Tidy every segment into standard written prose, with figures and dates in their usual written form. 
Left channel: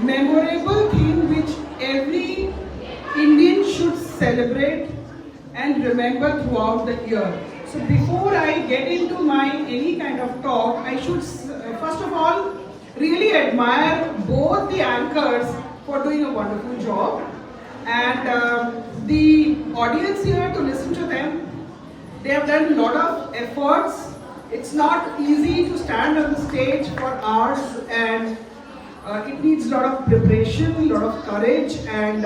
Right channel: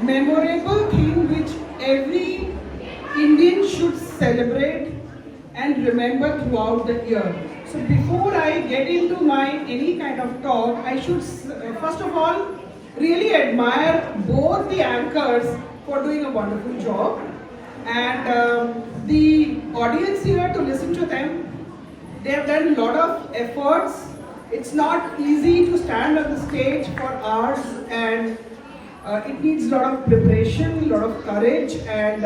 memorable thing which every Indian should celebrate and remember throughout the year. So before I get into my any kind of talk, I should first of all really admire both the anchors for doing a wonderful job and the audience here to listen to them. They have done a lot of efforts. It's not easy to stand on the stage for hours and it needs a lot of preparation, a lot of courage, and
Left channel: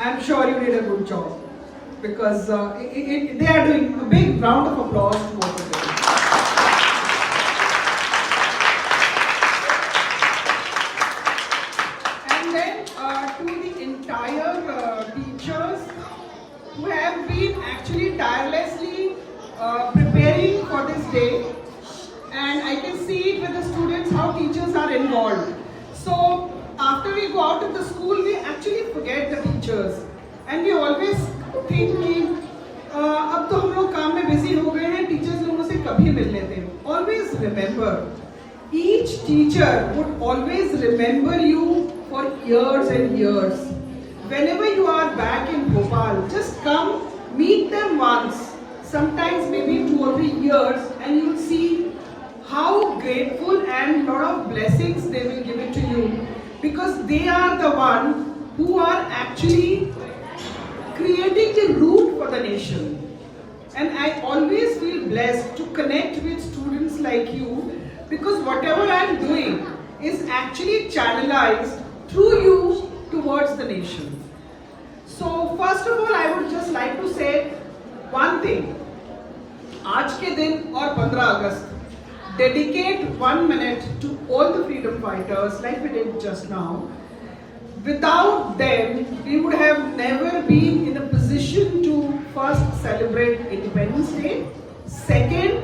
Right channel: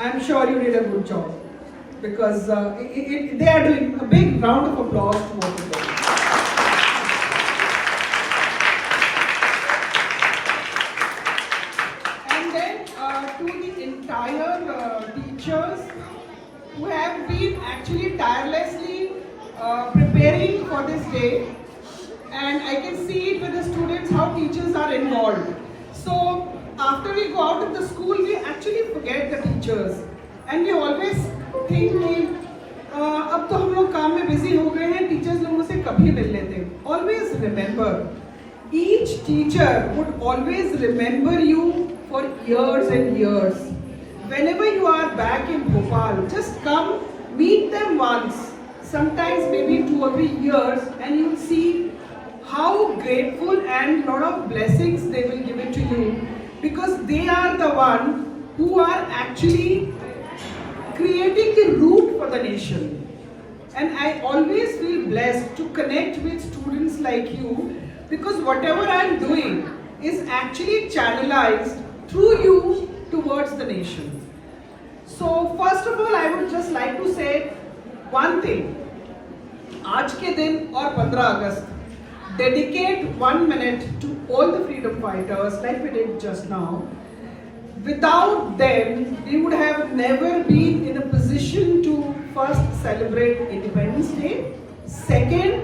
I'm sure you did a good job because they are doing a big round of applause to both of them. And then to the entire teachers who have been actually tirelessly preparing for this day. And I can see it with the students how teachers are involved. So after we go out of the school, we actually forget the teachers, and we always think कि अब तो हम लोग काम में बिजी हो गए हैं, टीचर्स लोगों से कभी मिल लेते. Always remember, each teacher would always remember you for years and years. Whenever you are back in Bhopal, just come meet them once. Sometimes maybe 2 or 3 years, and you'll see how grateful and lot of blessings they will give it to you, because they are the one who are actually creating the route for the nation. And I always feel blessed to connect with students like you, because whatever I am doing is actually channelized through you towards the nation. So first of all, I would just like to say one thing. आज के दिन और 15 अगस्त, dedicate 1 minute to all the freedom fighters like we did just now. Without them, we would have never been in a position to first celebrate Independence Day. Second,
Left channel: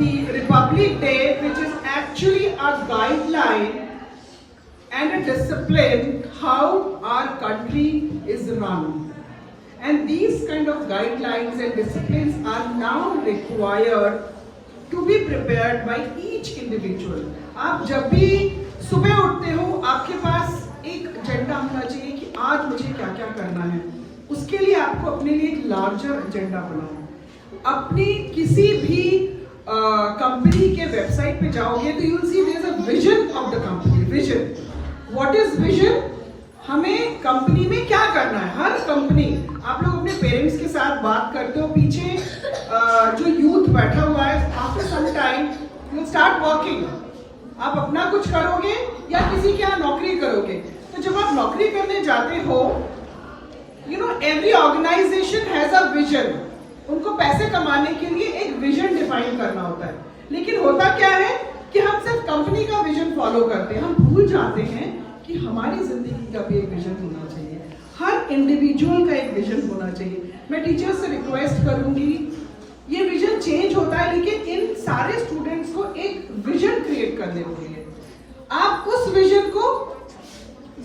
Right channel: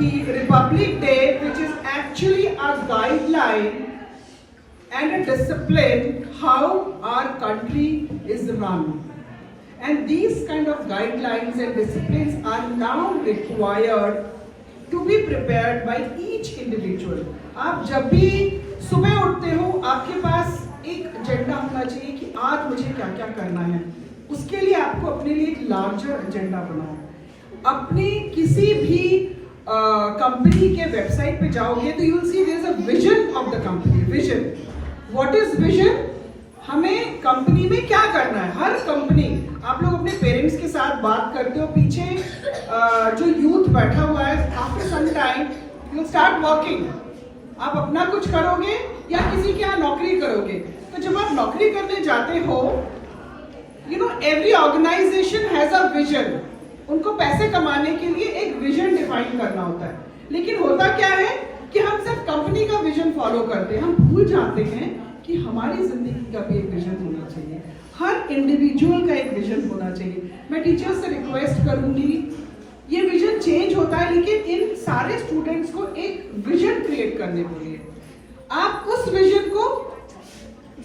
the Republic Day, which is actually a guideline and a discipline how our country is run. And these kind of guidelines and disciplines are now required to be prepared by each individual. आप जब भी सुबह उठते हो, आपके पास एक एजेंडा होना चाहिए कि आज मुझे क्या क्या करना है. उसके लिए आपको अपने लिए एक लार्जर एजेंडा बनाओ. अपनी किसी भी कंपनी के वेबसाइट पे जाओगे तो you will see there is a vision of the company. Vision, what is vision? हमें कंपनी में क्या करना है. हर कंपनी, आप लोग अपने पेरेंट्स के साथ बात करते हो, पीछे जो यूथ बैठा हुआ है, after some time you start working. आप अपना कुछ करोगे या किसी के यहाँ नौकरी करोगे. तो जब आप नौकरी करने जाते हो, you know every organisation has a vision. उनको पैसे कमाने के लिए एक विजन डिफाइन करना होता है. लेकिन होता क्या है कि हम सिर्फ कंपनी का विजन फॉलो करते हैं. हम भूल जाते हैं कि हमारी जिंदगी का भी एक विजन होना चाहिए. हर इंडिविजुअल का एक विजन होना चाहिए. मैं टीचर्स से रिक्वेस्ट करूंगी, ये विजन चेंज होता है, लेकिन इन सारे स्टूडेंट्स को एक विजन क्रिएट करने के लिए आप उस विजन को,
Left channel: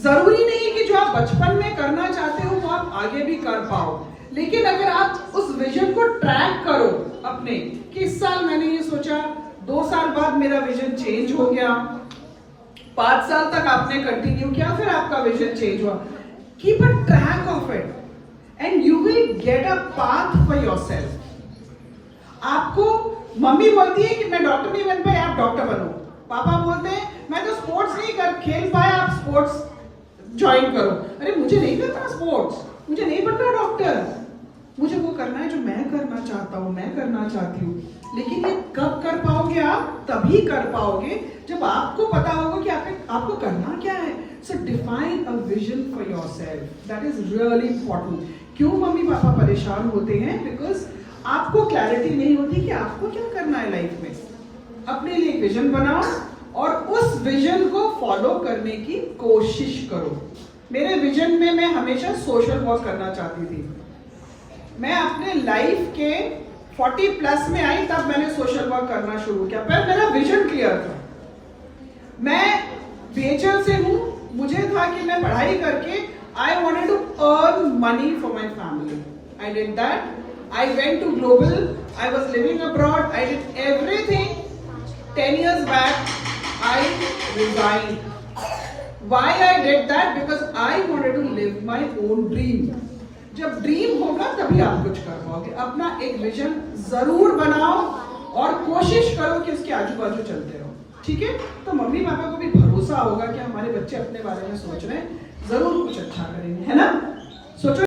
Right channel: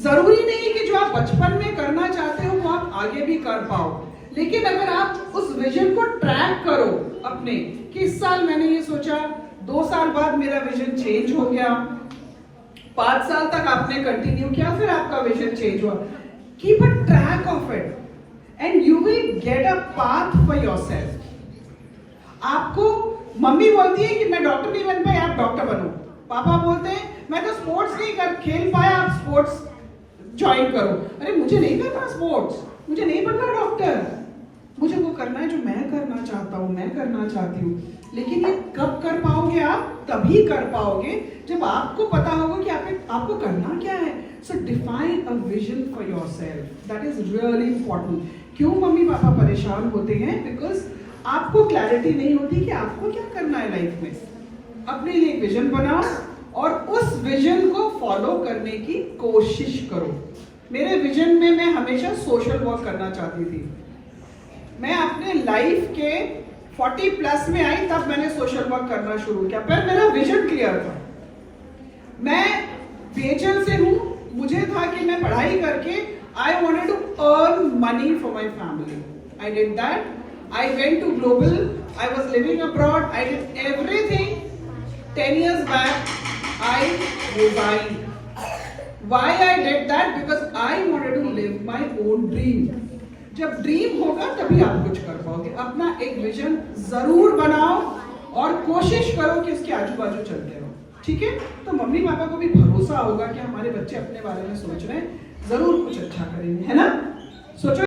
जरूरी नहीं कि जो आप बचपन में करना चाहते हो वो आप आगे भी कर पाओ, लेकिन अगर आप उस विजन को ट्रैक करो अपने कि इस साल मैंने ये सोचा, 2 साल बाद मेरा विजन चेंज हो गया, 5 साल तक आपने कंटिन्यू किया, फिर आपका विजन चेंज हुआ. Keep a track of it and you will get a path for yourself. आपको मम्मी बोलती है कि मैं डॉक्टर नहीं बन पाई, आप डॉक्टर बनो. पापा बोलते हैं मैं तो स्पोर्ट्स नहीं कर खेल पाया, आप स्पोर्ट्स ज्वाइन करो. अरे मुझे नहीं करना स्पोर्ट्स, मुझे नहीं बनना डॉक्टर, मुझे वो करना है जो मैं करना चाहता हूँ, मैं करना चाहती हूँ. लेकिन ये कब कर पाओगे? आप तभी कर पाओगे जब आपको पता होगा कि आपको करना क्या है. सो define a vision for yourself. That is really important. क्यों मम्मी पापा परेशान होते हैं? बिकॉज आपको क्लैरिटी नहीं होती कि आपको क्या करना है लाइफ में. अपने लिए एक विजन बनाओ और उस विजन को फॉलो करने की कोशिश करो. मेरे विजन में मैं हमेशा सोशल वर्क करना चाहती थी. मैं अपने लाइफ के 40+ में आई तब मैंने सोशल वर्क करना शुरू किया. पर मेरा विजन क्लियर था. मैं BHL से हूँ, मुझे था कि मैं पढ़ाई करके I wanted to earn money for my family. I did that. I went to global. I was living abroad. I did everything. 10 years back, I resigned. Why I did that? Because I wanted to live my own dream. जब ड्रीम होगा तभी आप कुछ कर पाओगे. अपना एक विजन जरूर बनाओ और कोशिश करो कि उसके आजू बाजू चलते रहो. ठीक है? तो मम्मी पापा को भी भरोसा होगा कि हमारे बच्चे अपने बारे में सोच रहे हैं, जरूर कुछ अच्छा करेंगे, है ना? सोचो.